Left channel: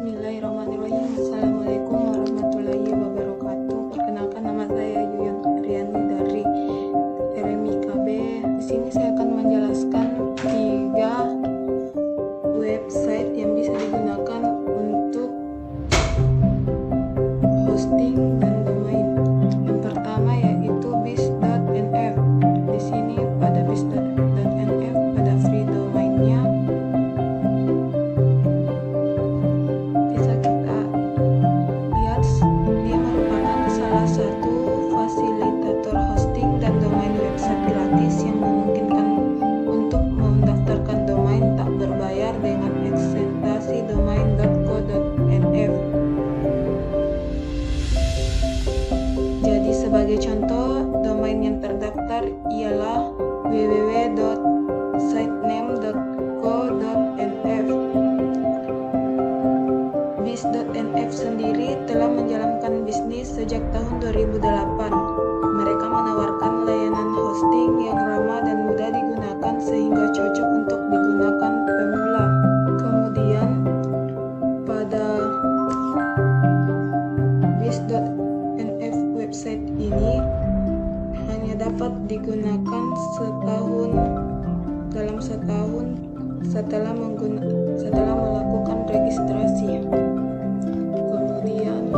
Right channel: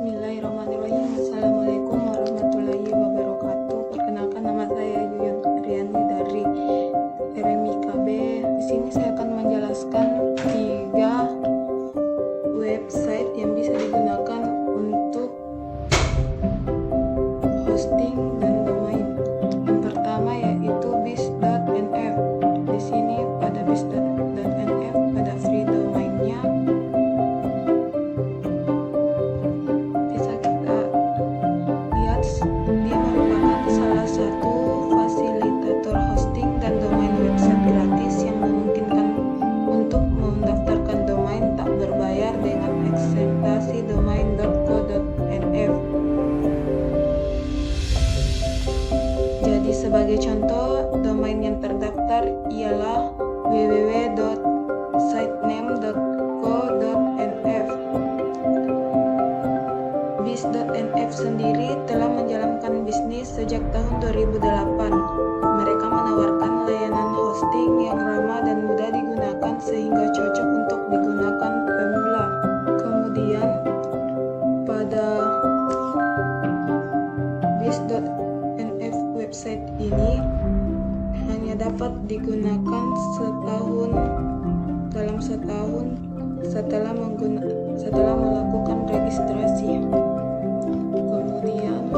Bismillahirrahmanirrahim. Assalamualaikum warahmatullahi wabarakatuh. Perkenalkan, nama saya Yuyun Riani dari RMIKB. Di sini saya akan menjelaskan 3 website yang bisa digunakan untuk hosting dan domain. Yang pertama yaitu bis.nf. Di sini pada bis.nf pada free domainnya. Dia merupakan salah satu fasilitator hosting dan domain website gratis yang memungkinkan untuk mendaftarkan domain tak berbayar dengan eksentasi domain.co.nf. Jadi sebagai contoh, domain yang terdaftar ialah www.sitename.co.nf. Bis.nf sendiri telah menjalankan bisnis sejak tahun 2008. Mereka menawarkan layanan hosting yang ramah dan mudah digunakan sehingga cocok untuk digunakan pemula. Kemudian pada bis.nf website ini hanya dapat digunakan dalam setahun setelah melakukan registrasi. Kemudian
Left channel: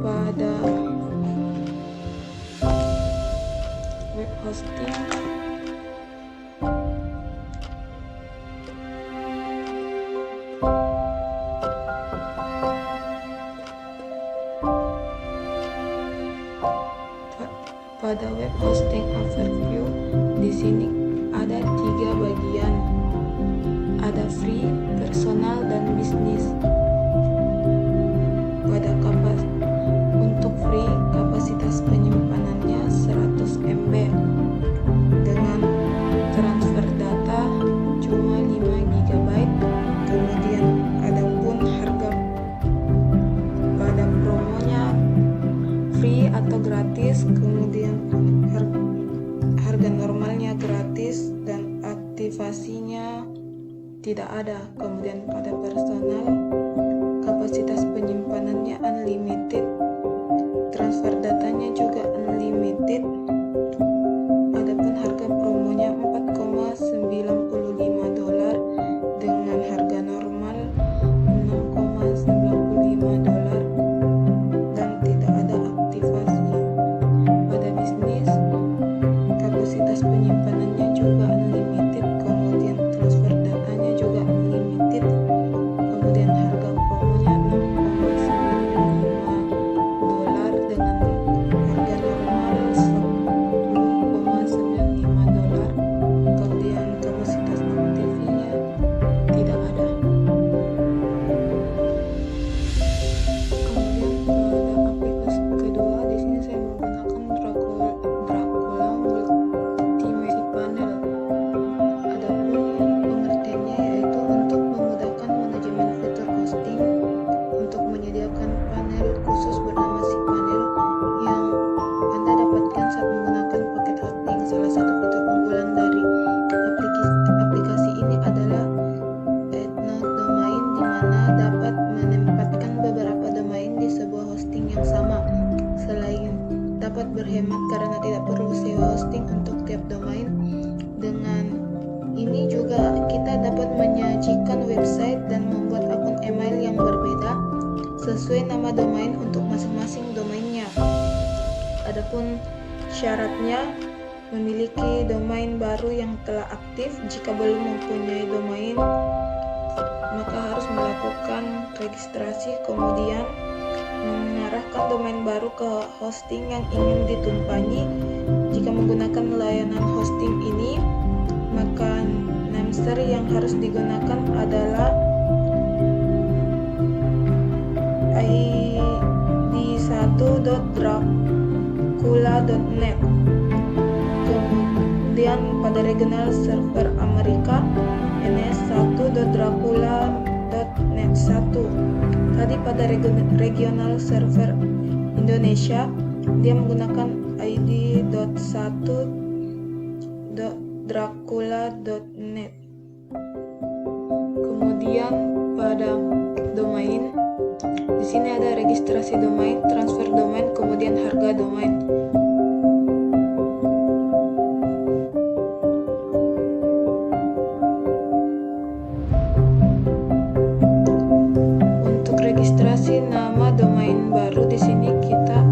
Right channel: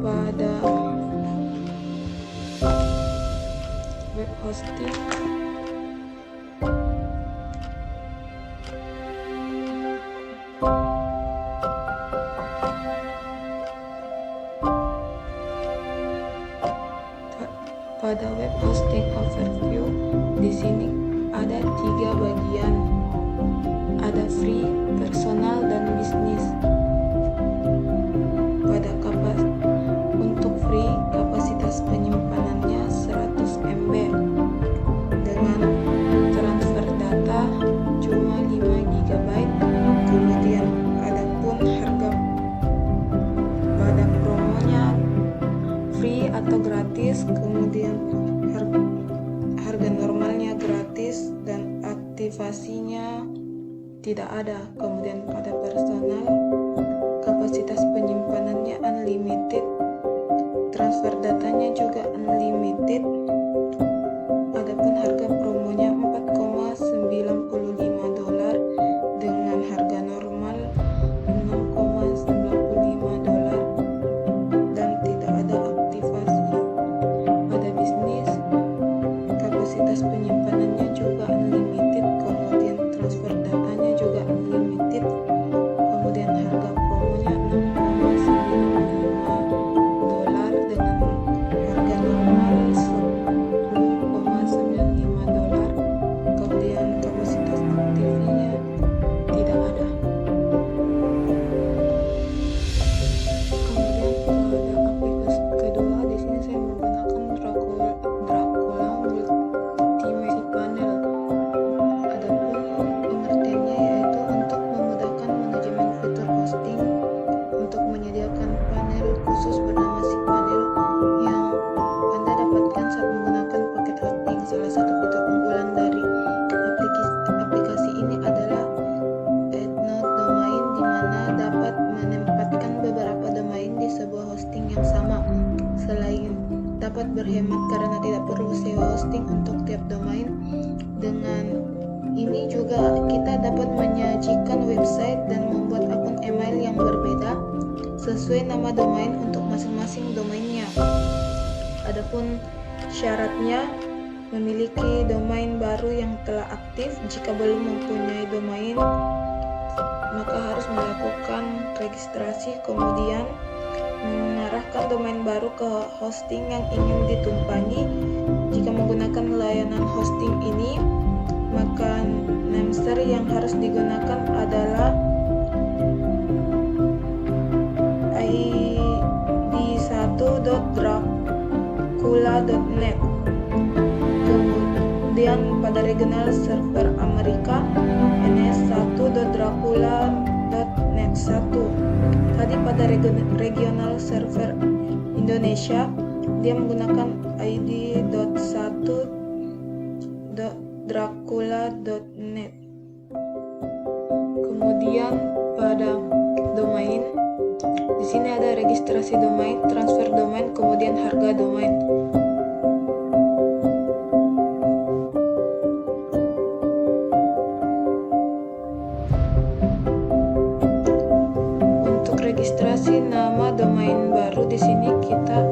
pada web hosting overview, di sini ada 3 bagian. Ada free, personal, dan bisnis. Untuk free, kapasitas penyimpanannya 100 MB dengan transfer data cuma 5 GB. Kemudian adapun harga pada promonya free atau gratis, kemudian harga normalnya gratis dan aktivasinya tidak ada. Kemudian pada personal, kapasitas penyimpanannya unlimited, transfer datanya juga unlimited. Adapun harga promonya $4,95 dengan harga normal $6,95 dan tidak ada aktivasi. Pada bisnis, kapasitas penyimpanannya juga unlimited, kemudian transfer datanya juga unlimited. Kemudian harga promonya $6,95 dengan harga normal $10,95. Kemudian kapasitas aktifnya tidak ada. Kemudian pada aplikasi kedua, di sini saya menggunakan Dracula Multimedia Panel. Adapun pengertiannya yaitu untuk memudahkan manajemen fitur hosting untuk menyediakan panel khusus bernama cPanel yang Anda dapatkan saat menggunakan paket hosting. Salah satu fitur unggulan dari aplikasi ini adalah Add Node Domain, di mana dapat menempatkan beberapa domain di sebuah hosting yang sama. Selain dapat berhemat karena tidak perlu sewa hosting untuk tiap domain, dengan ini juga kita dapat menyajikan website dan membuat akun email yang berbeda sesuai nama domain untuk masing-masing domainnya. Adapun syaratnya, memiliki domain baru yang telah aktif. Jika belum mempunyai domain, maka harus melakukan registrasi, kemudian mengarahkan domain baru ke hosting yang ingin ditumpangi. Jika menggunakan layanan hosting ini, maka nameser yang harus digunakan adalah id1.dracula.net. Kemudian pada regional server Amerika, ns1.dracula.net 1. Tadi pada regional server Indonesia, dia menggunakan id.1.dracula.net. Kemudian pada sini ada registrasi domain, transfer domain, kemudian harga domain. Untuk registrasi nama domain baru, di sini kita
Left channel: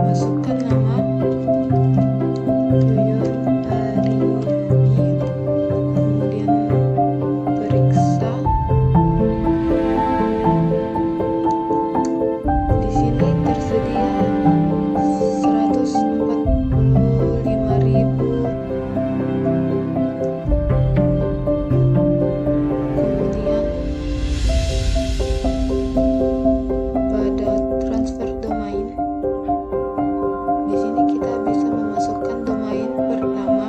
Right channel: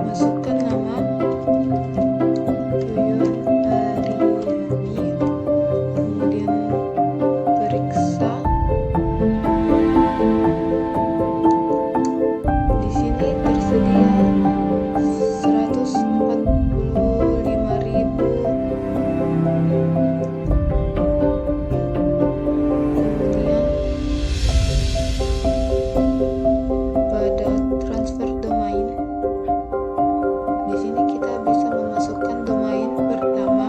masukkan nama Yuyun Aryani, kemudian periksa. Di sini tersedia 145.000. Kemudian pada transfer domain, di sini kita bisa memasukkan domain pertama,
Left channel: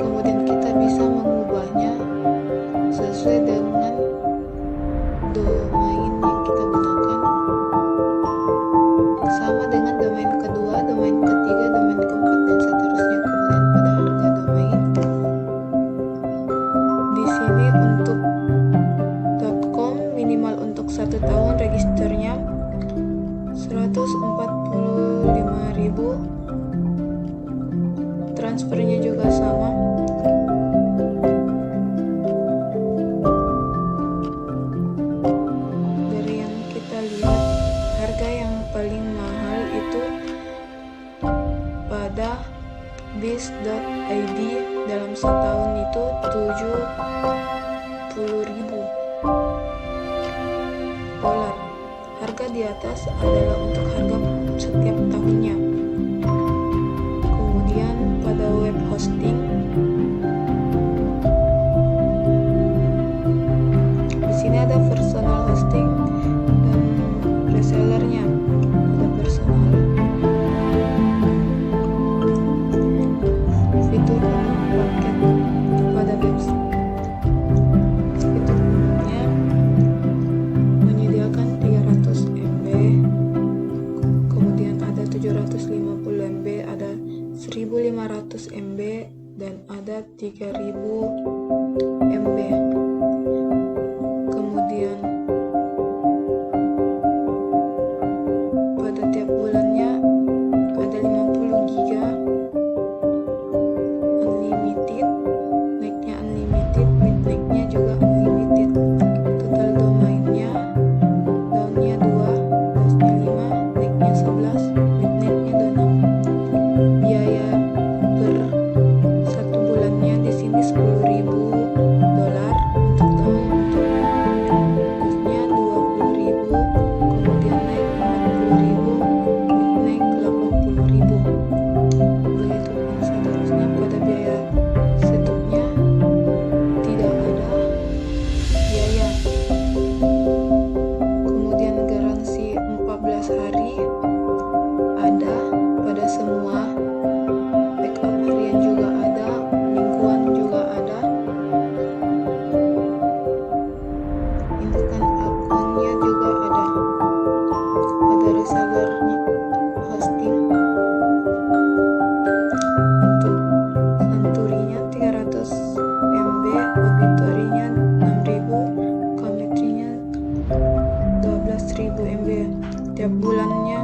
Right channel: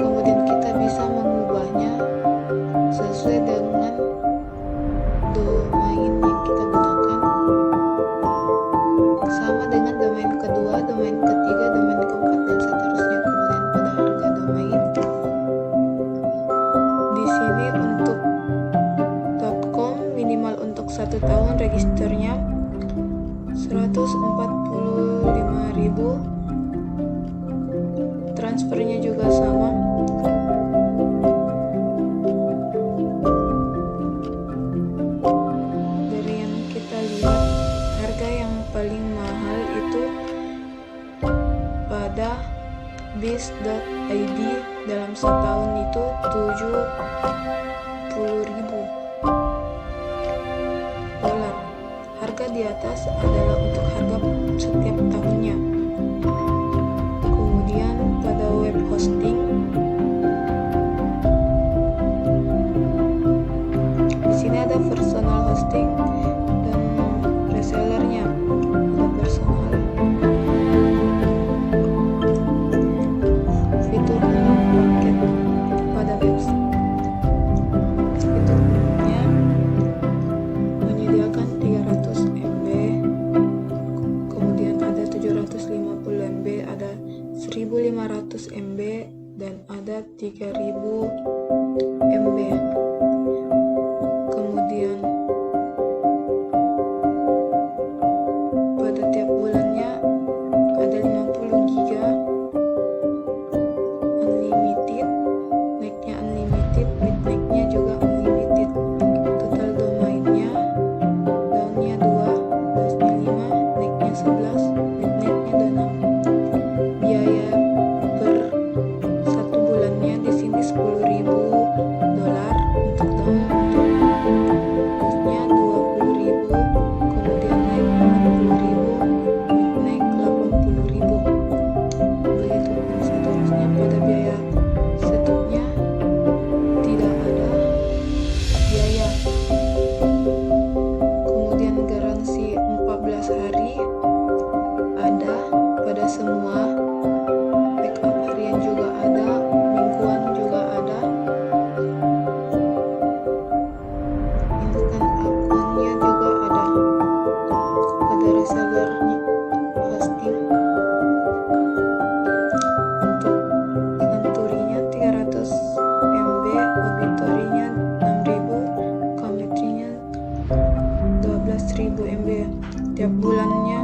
kemudian kita bisa mengubahnya sesuai dengan domain yang kita gunakan, sama dengan domain kedua, domain ketiga, domain keempat, dan seterusnya. Kemudian pada harga domain, di sini untuk .com minimal untuk 1 tahun registernya 145.000. Transfernya juga sama. Dari yang kita lihat, harga yang paling mahal itu pada biz.id dalam setahun itu 70.000 dolar. Harga di atas adalah untuk harga setiap tahunnya. Kemudian pada web hosting, di sini ada personal hosting dan resellernya. Ada personal, fitur umum paket pada website. Fitur umumnya menyediakan 300 MB, kemudian ada 750 MB, ada 1500 MB, dan ada 3000 MB. Kemudian pada tiap bulannya ada 50 giga unlimited, naiknya unlimited, mid-naiknya juga unlimited. Total domainnya, downnya 2, dasnya 5, naiknya 11, mid-naiknya 26. Biaya per 1 bulannya di sini 10.000 dolar untuk down, untuk dasnya 20.000, kemudian naik 40.000, mid-naik 80.000. Begitupun seterusnya. Pada biaya setupnya tidak ada biaya. Kemudian garansi 14 hari ada pada semua, backup harian juga ada, mingguan juga ada, instan akunnya juga ada. Pada resellernya hosting, untuk Santurinya 300 MB, Obituary-nya 6.000, Cometry-nya 12.000 MB. Tiap bulannya,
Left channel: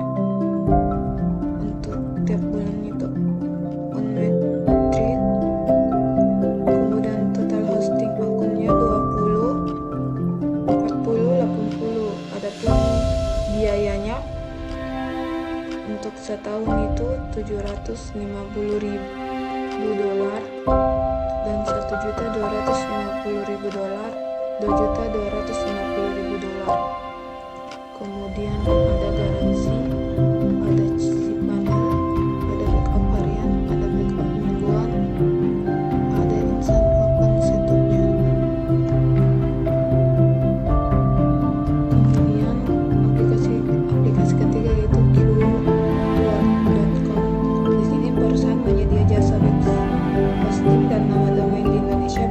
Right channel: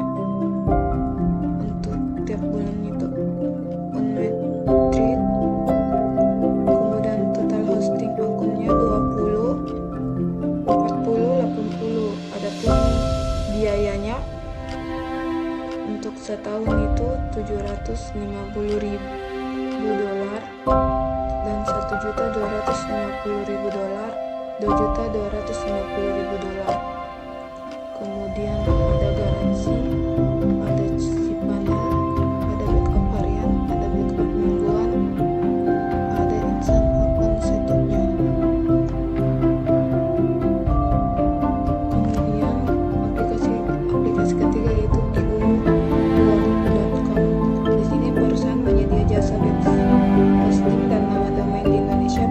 untuk tiap bulan itu unmetric. Kemudian total hosting akunnya 20, 40, 80. Adapun biayanya untuk setahun itu 750.000 dolar dan 1.250.000 dolar, 2.250.000 dolar. Kemudian ada garansi, ada cicipanel, ada backup harian, ada backup mingguan, ada instant akun setupnya. Kemudian aplikasi ketiga yaitu qwork.com. Di sini perusahaan menyedia jasa web hosting dan nama domain di Indonesia.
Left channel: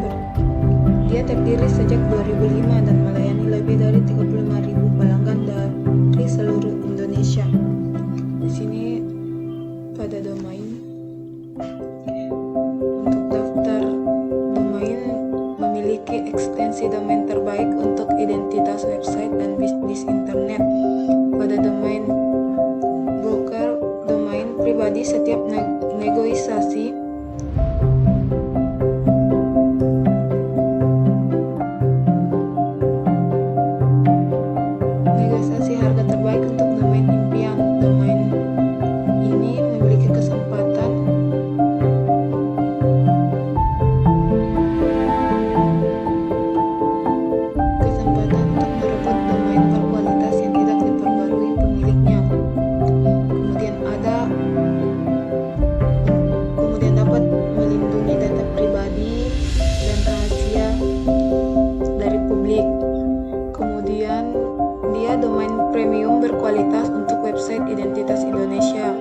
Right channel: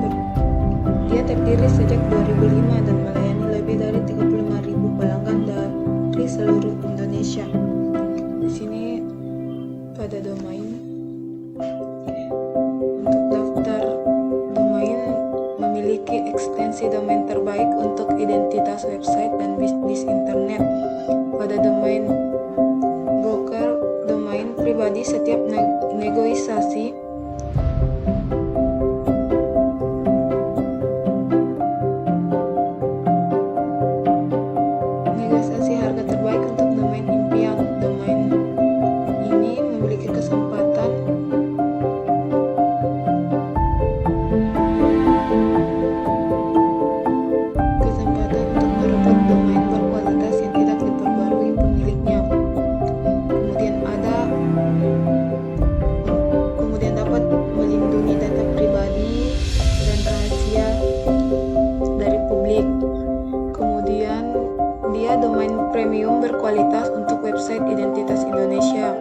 Dia terdiri sejak 2005 dan melayani lebih dari 35.000 pelanggan dari seluruh Indonesia. identitas website dan bisnis internet. Pada domain broker domain pribadi, setiap negosiasi harga terbaik untuk domain impian. Domain ini memiliki kesempatan untuk merebut domain berkualitas yang tidak diperbarui pemiliknya. Kemudian dapat melindungi data pribadi dan rahasia dari publik. Kemudian dia domain premium berkualitas untuk website identitas Indonesia.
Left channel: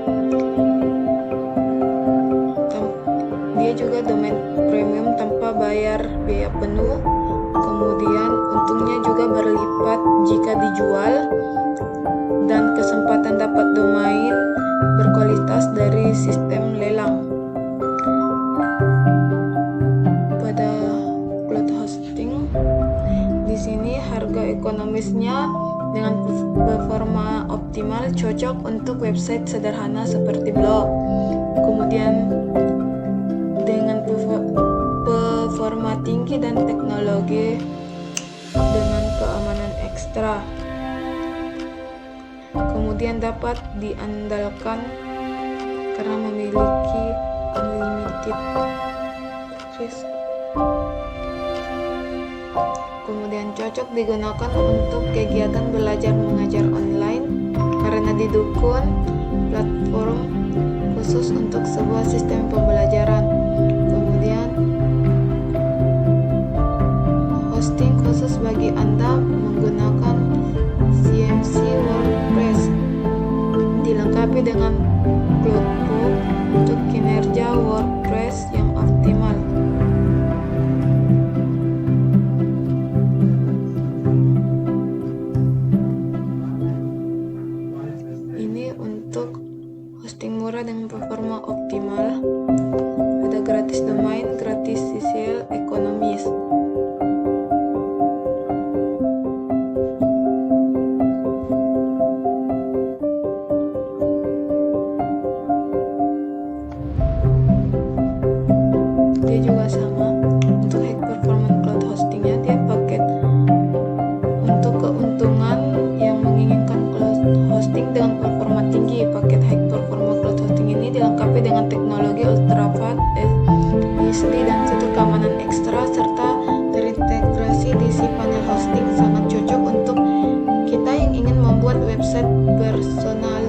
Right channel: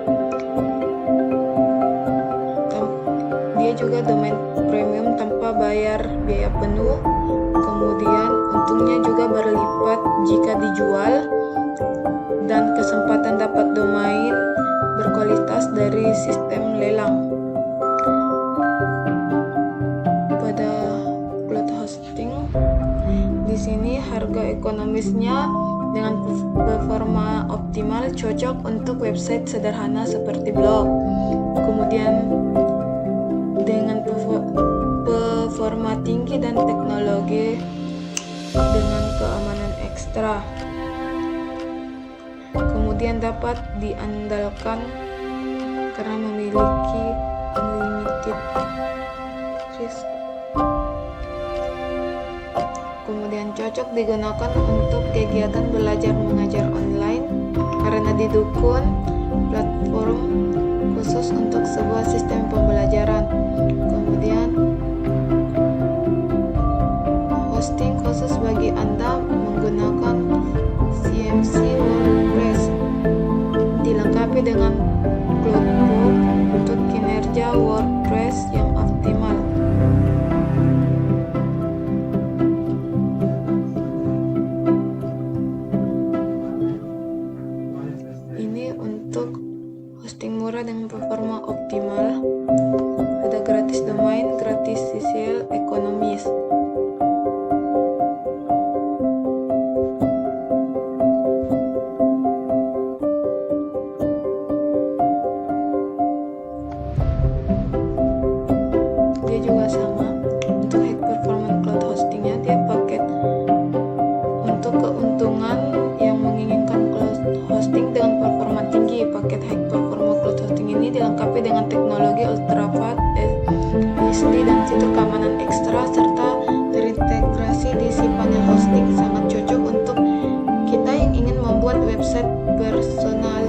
Dia juga domain premium tanpa bayar biaya penuh. Kemudian untungnya juga berlipat jika dijual, dan kesempatan dapat domain berkualitas dari sistem lelang. Pada cloud hosting, di sini harga ekonomisnya dengan performa optimal cocok untuk website sederhana seperti blog. Kemudian dengan performa tinggi dan teknologi dengan keamanan ekstra. Kemudian dapat diandalkan karena memiliki unlimited risk. Kemudian cocok digunakan untuk kegiatan belajar mengajar online karena didukung platform khusus untuk sebuah sistem pembelajaran. Kemudian hosting khusus bagi Anda menggunakan CMC WordPress, dilengkapi dengan Cloudflare untuk kinerja WordPress yang optimal. Ini untuk hosting murah dengan performa optimal. Ada gratis domain, gratis CCL, ekonomis. Dia juga sama untuk high performance cloud hostingnya. Dia paket untuk keuntungan yang menginginkan cloud hosting dengan performa tinggi. Paket high performance cloud hosting ini dilengkapi dengan teknologi ultra fast SD dan fitur keamanan ekstra serta terintegrasi di cPanel hosting. Sangat cocok untuk kita yang ingin membuat website personal.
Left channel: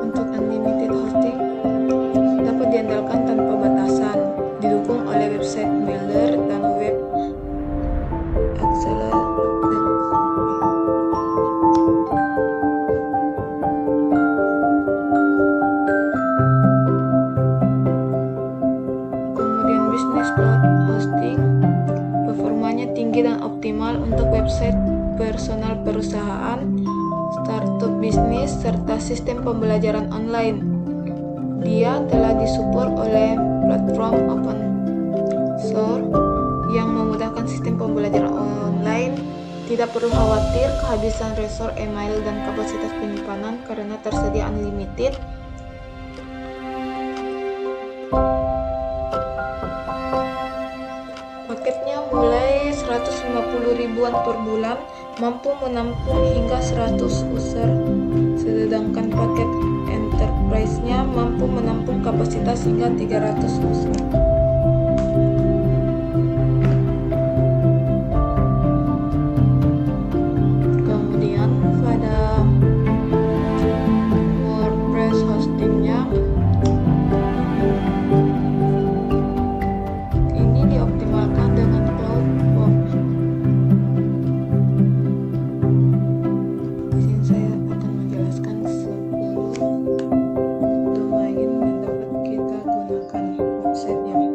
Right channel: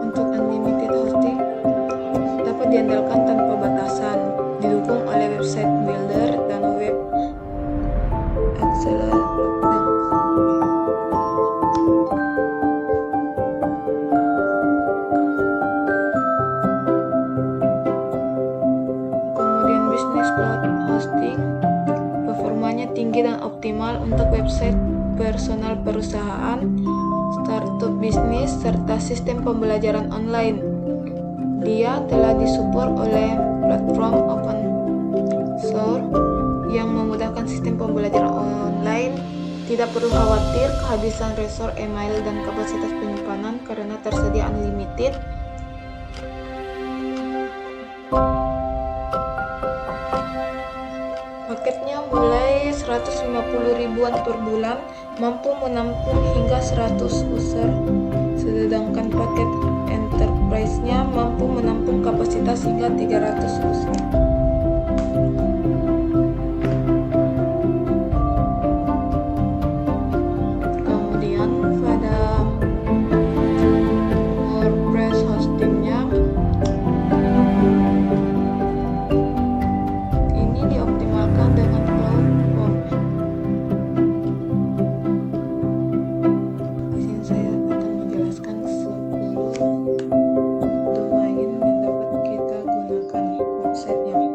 Untuk unlimited hosting dapat diandalkan tanpa batasan, didukung oleh website builder dan web accelerator. Kemudian bisnis cloud hosting performanya tinggi dan optimal untuk website personal perusahaan, startup bisnis, serta sistem pembelajaran online. Dia telah disupport oleh platform open source yang memudahkan sistem pembelajaran online. Tidak perlu khawatir kehabisan resource email dan kapasitas penyimpanan karena tersedia unlimited. Paketnya mulai 150 ribuan per bulan, mampu menampung hingga 100 user. Sedangkan paket enterprise-nya mampu menampung kapasitas hingga 300 user. Kemudian pada WordPress hostingnya ini dioptimalkan dengan Cloudform. Di sini saya akan menjelaskan 10 domain yang dapat kita gunakan websitenya.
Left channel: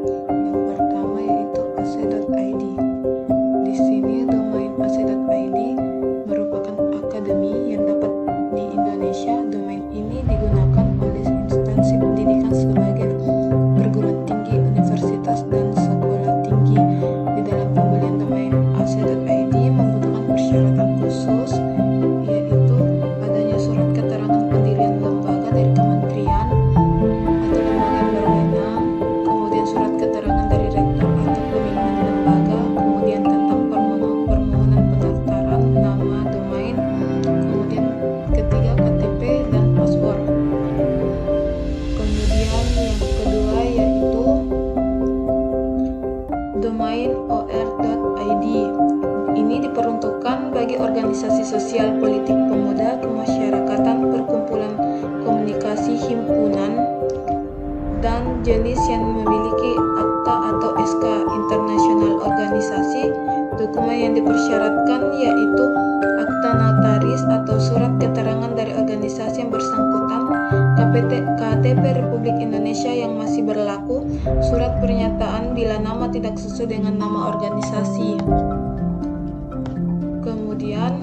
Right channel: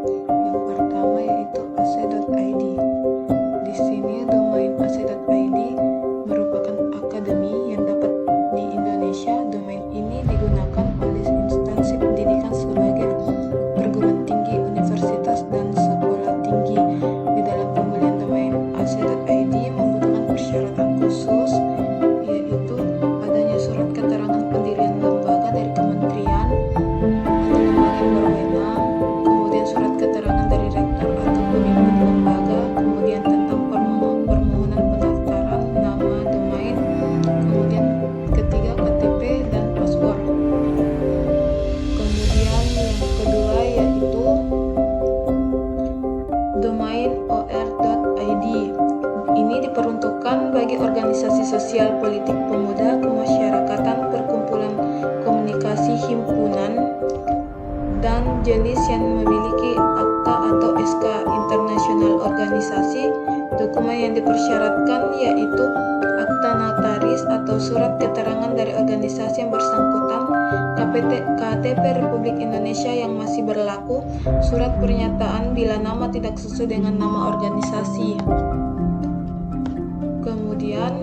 dan jenis yang memiliki akta atau SK internasional organisasi. Dokumen yang dipersyaratkan yaitu akta notaris atau surat keterangan dari organisasi yang bersangkutan, KTP Republik Indonesia yang masih berlaku, surat pernyataan bila nama tidak sesuai dengan nama organisasi. Kemudian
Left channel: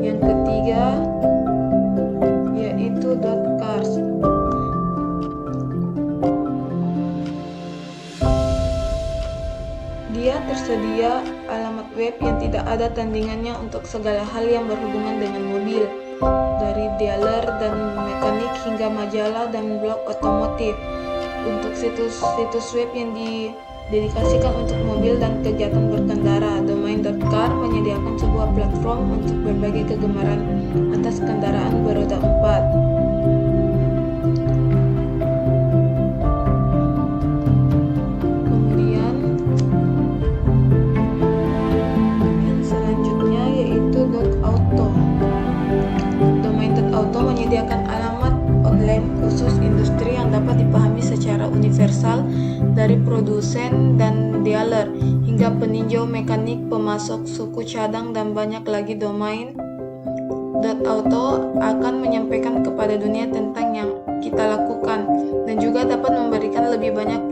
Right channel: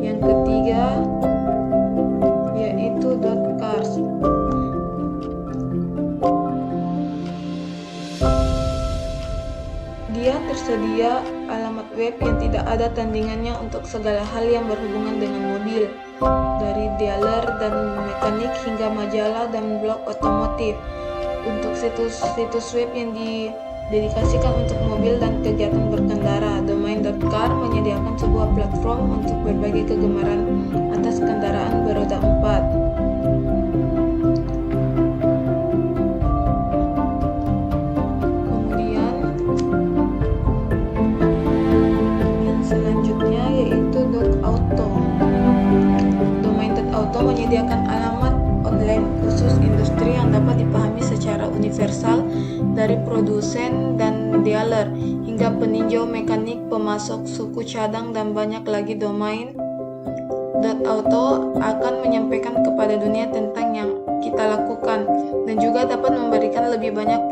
yang ketiga yaitu .cars. Dia tersedia alamat web yang tidak ada tandingannya untuk segala hal yang berhubungan dengan mobil, dari dealer dan mekanik hingga majalah dan blog otomotif. Untuk situs web yang didedikasikan untuk mobil dan kegiatan berkendara, domain.car menyediakan sebuah platform untuk berbagai kegemaran atas kendaraan beroda 4. Auto menyediakan alamat online khusus industri yang dapat dipahami secara universal dari produsen dan dealer hingga peninjau, mekanik, pemasok, suku cadang, dan banyak lagi. Domain .auto akan menyampaikan kepada dunia tentang yang kita lakukan dan juga dapat memberikan lebih banyak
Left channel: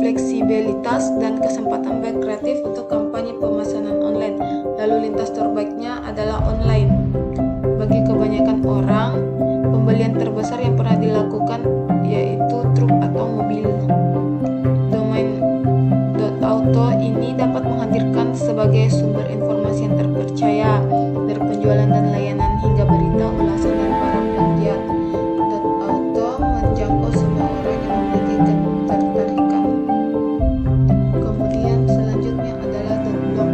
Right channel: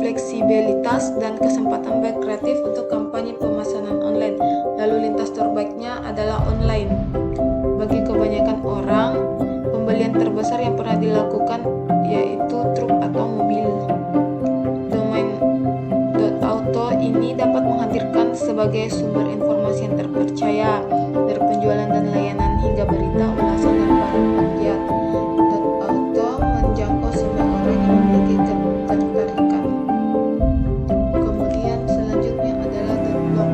fleksibilitas dan kesempatan berkreatif untuk kampanye pemesanan online. Lalu lintas terbaiknya adalah online. Bagi kebanyakan orang, pembelian terbesar yang pernah dilakukan yaitu truk atau mobil. Domain .auto ini dapat menghadirkan sebagai sumber informasi yang terpercaya dari penjualan dan layanan hingga berita, ulasan, dan para pegiat. .auto menjangkau semua orang yang memiliki ketertarikan. Kemudian selanjutnya adalah .blog.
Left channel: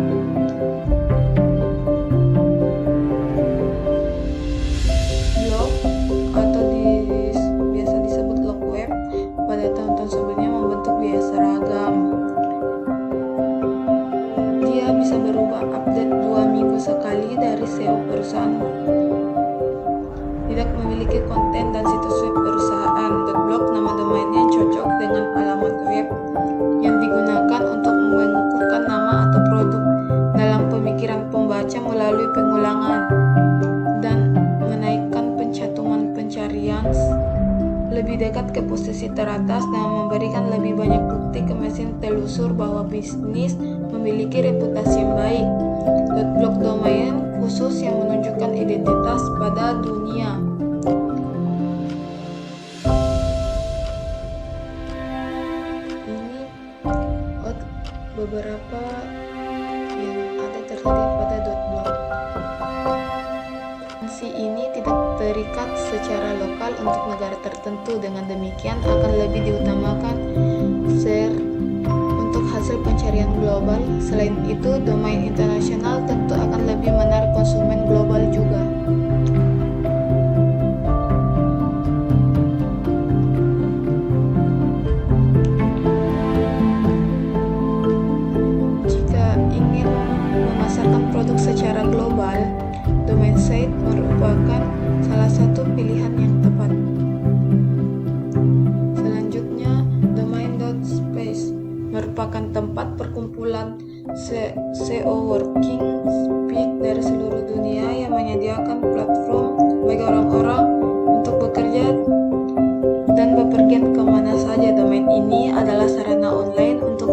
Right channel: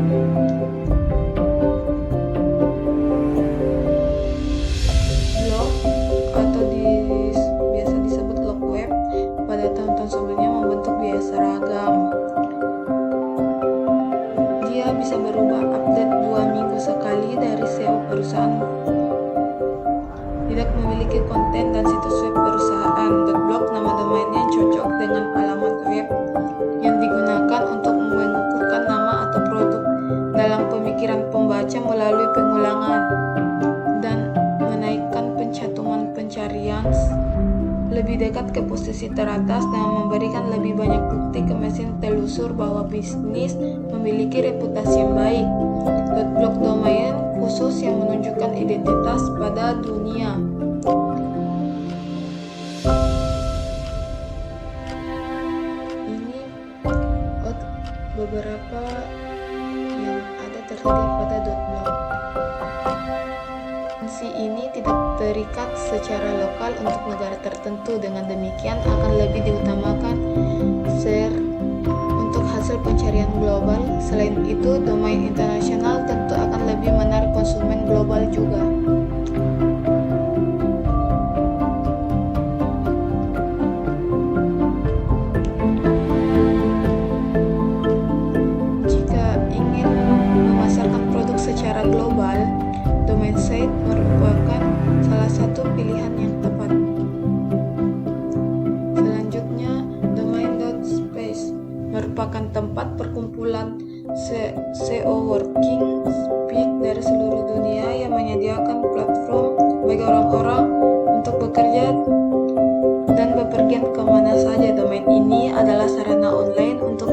Blog atau biasa disebut blog web pada tahun-tahun sebelumnya membentuk biaya seragam. Dia bisa berubah update 2 minggu sekali dari SEO perusahaan, tidak memiliki konten dan situs web perusahaan. .blog nama domainnya cocok dengan alamat web yang digunakan untuk mengukuhkan nama atau produk dalam pemikiran pembaca melalui pengulangan dan menaikkan pencatuman pencarian lebih dekat ke posisi teratas dan memberikan lebih banyak bukti ke mesin telusur bahwa bisnis memiliki reputasi yang baik. .blog domain khusus yang menunjukkan identitas pada dunia. Ini beberapa yang ada tersedia pada .blog. Fungsi ini tidak terikat secara lokal untuk negara tertentu. Dengan demikian akan lebih diutamakan share untuk hasil pencarian global. Selain itu, domain internasional tentu akan lebih menarik konsumen global juga. Jika ingin memasarkan produk secara global, domain site merupakan salah satu pilihan yang tepat. Selanjutnya, domain.space merupakan tempat perkumpulan SEO working speak dari seluruh dunia yang menyediakan platform bagi orang-orang untuk bekerja dan bepergian kemana saja. Domain ini adalah sarana online untuk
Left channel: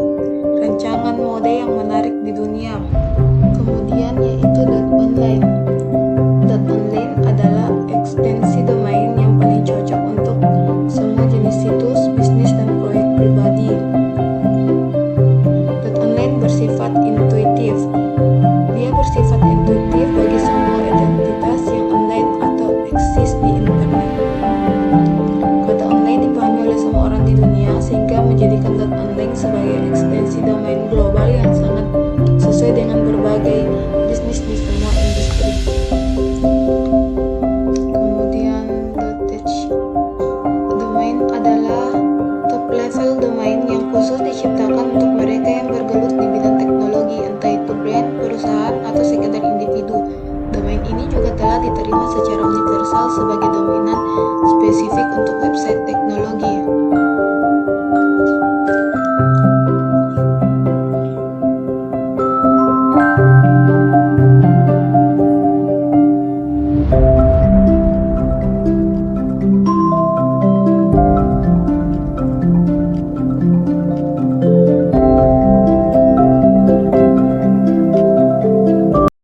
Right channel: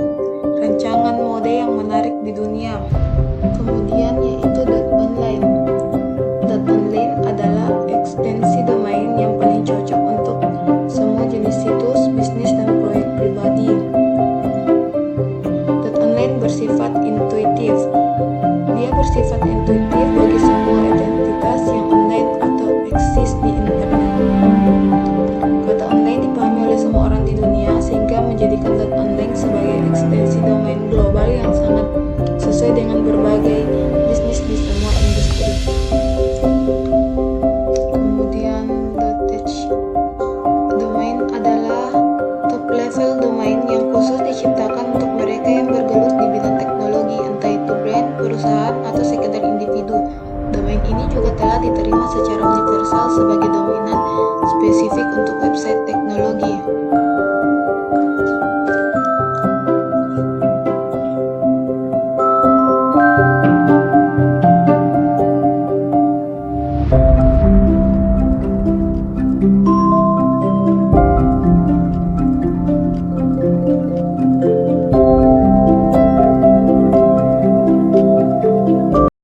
rancangan mode yang menarik di dunia. Kemudian yaitu .online. .online adalah ekstensi domain yang paling cocok untuk semua jenis situs, bisnis, dan proyek pribadi. .online bersifat intuitif. Dia bersifat intuitif bagi semua identitas yang online atau eksis di internet. Kata online dipahami oleh semua orang di dunia sehingga menjadikan .online sebagai ekstensi domain global yang sangat sesuai dengan berbagai bisnis di semua industri. juga telah diterima secara universal sebagai dominan spesifik untuk website teknologi.